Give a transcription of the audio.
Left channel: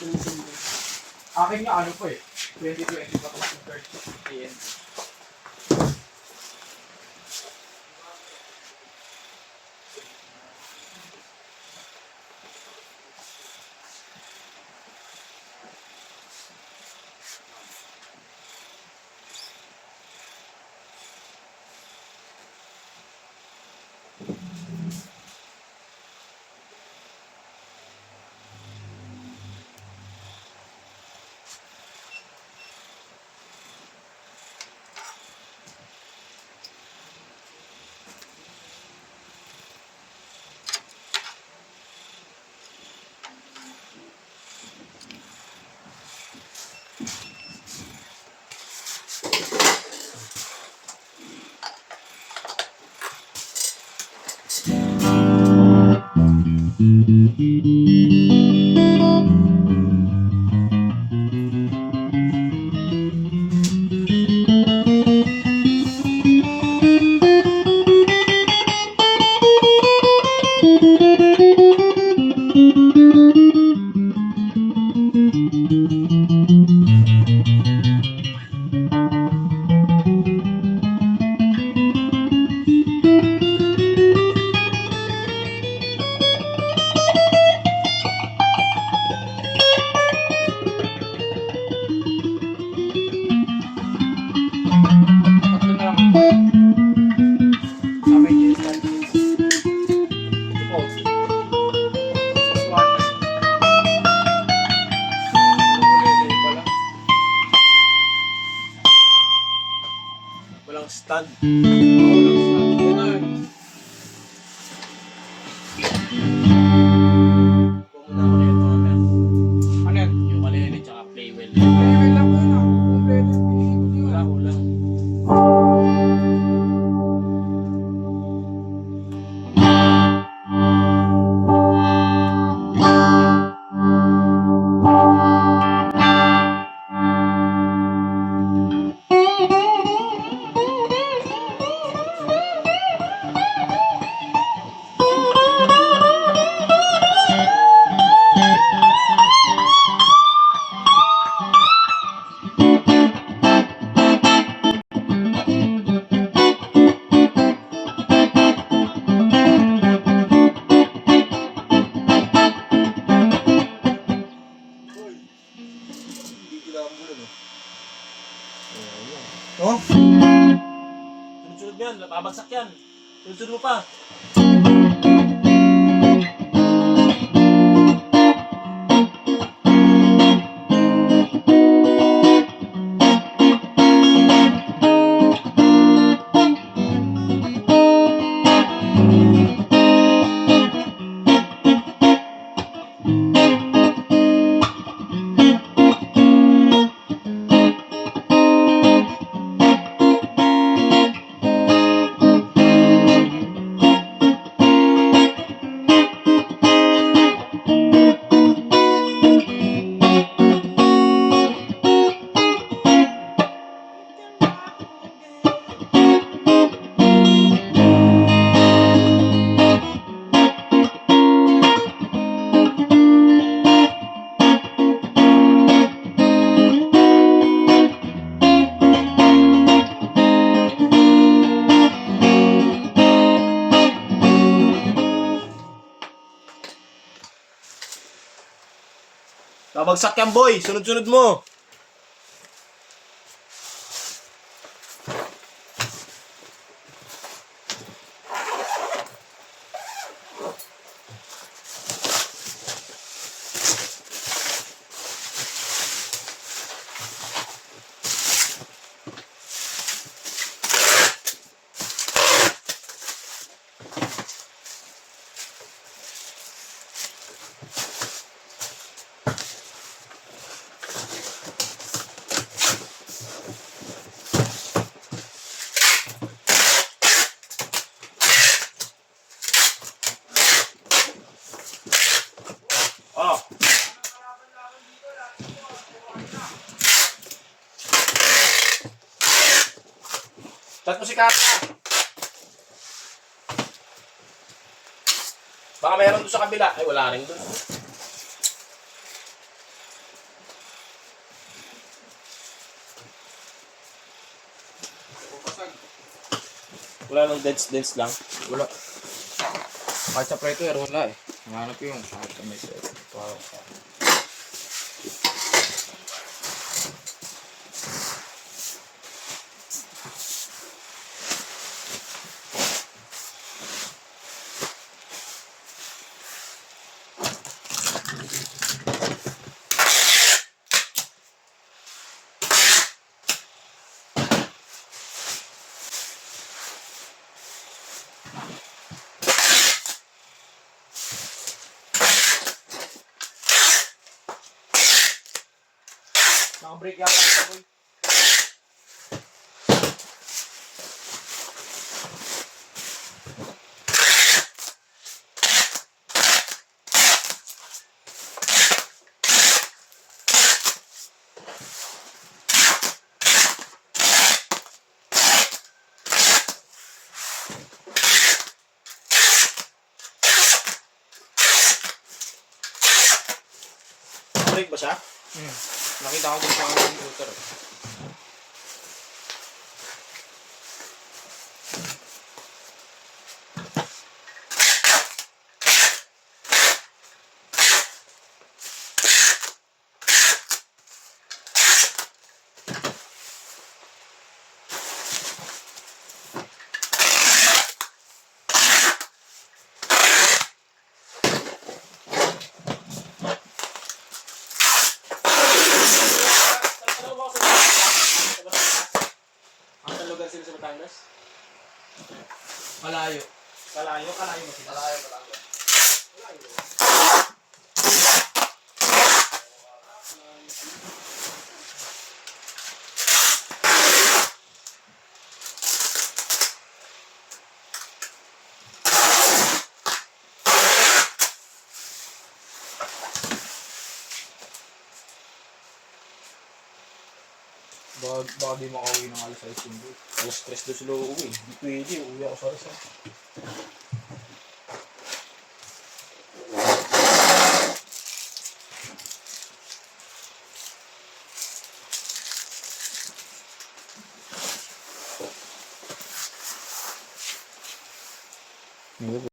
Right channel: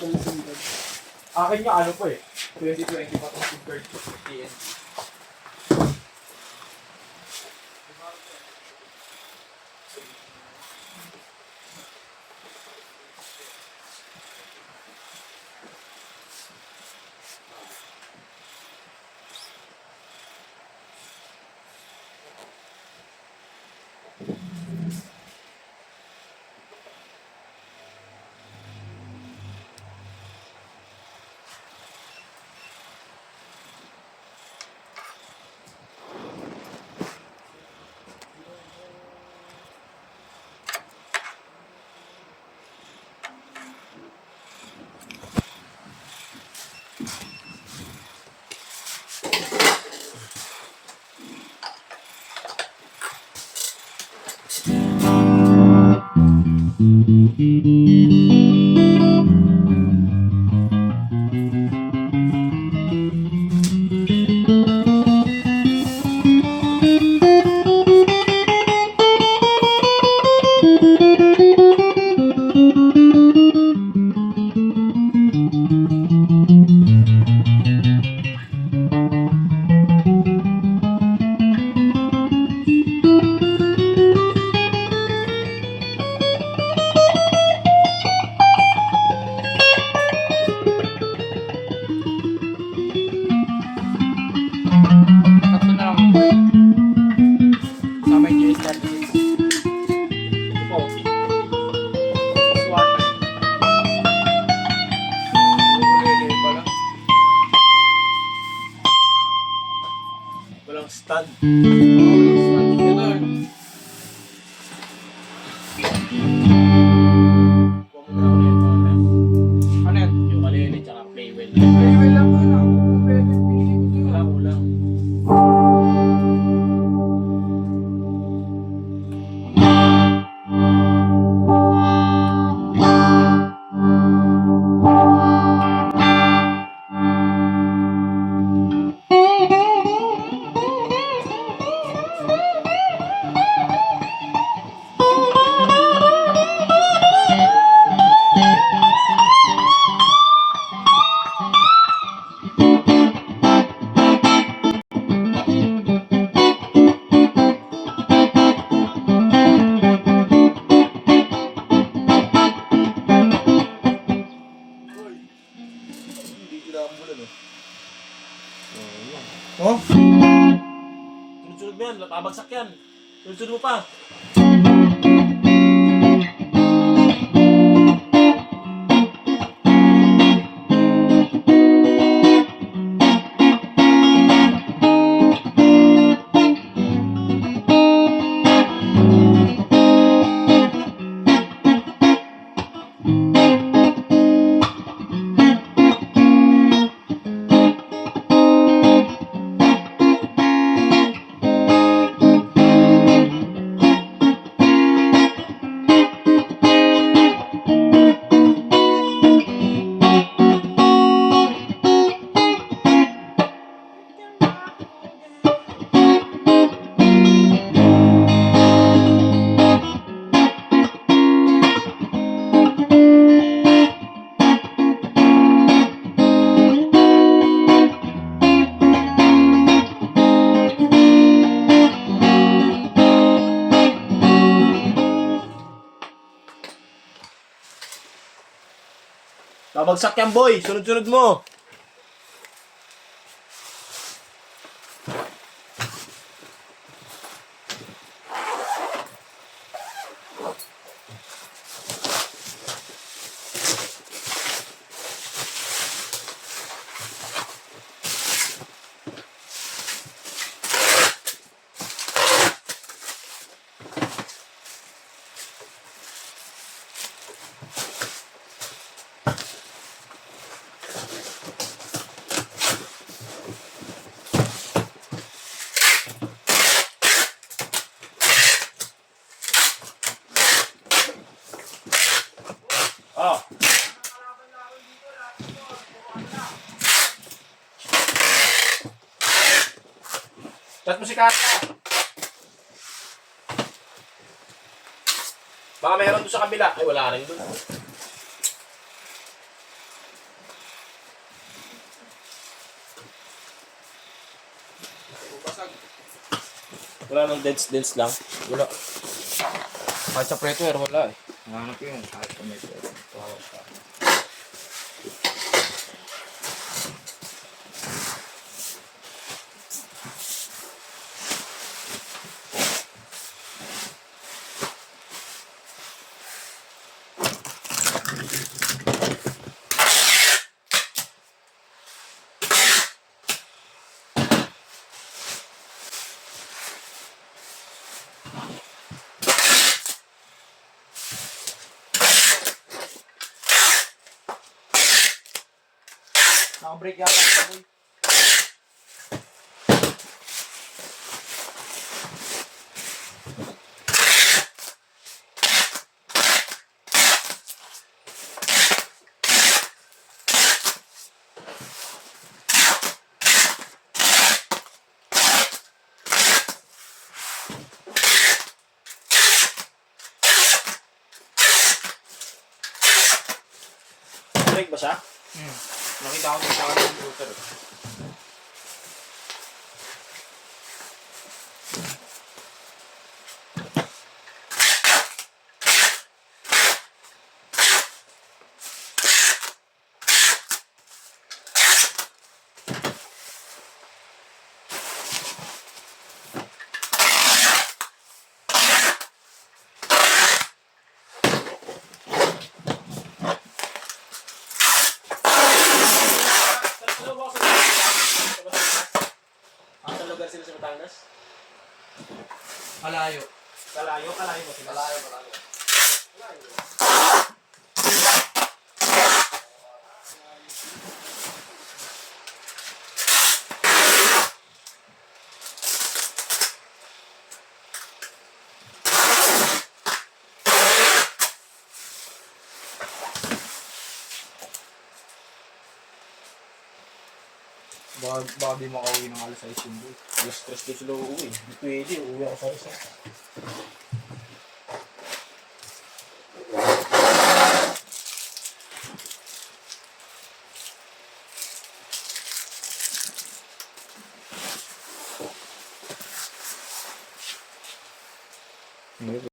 Akin nga ano po eh. 2020 pa itong SIM card AND. Tatlo na lang po. Sa may GSL dito. Ito po. This one. Ukulele pa lang. Walang stand. Ganun. Kuha muna ako na yun mga tayo. Ano yan? Yung ukulele tsaka playwell. Playwell lang muna. Ukulele pinili ko yun. Wala ko lang. Oh? Sunod-sunod mo yan, babagsak yan. Sunod-sunod mo pa. Babagsak yan, boy. Sunod-sunod mo. Oh. Chat mo si Kaya. Baka mayroon doon sa kabila. Ay, wala rin doon. Wala nang dents lang. Wala. Kahit sa pressure, wala eh. Nanganap yun. Kahit sa may pressure. Wow. Naka-break yata ito, boy. Break ba siya? Nakita ko sa computer. Ano ba ako sa Batangas? Ang sa lugar sila sa Batangas? Malayo. Kalayo ba sila? Malayo. Baka di makauwi ng alas 6 yung boy. Alas 3 doon sila uuwi. Hindi pwede, uwi ako sa Rizal.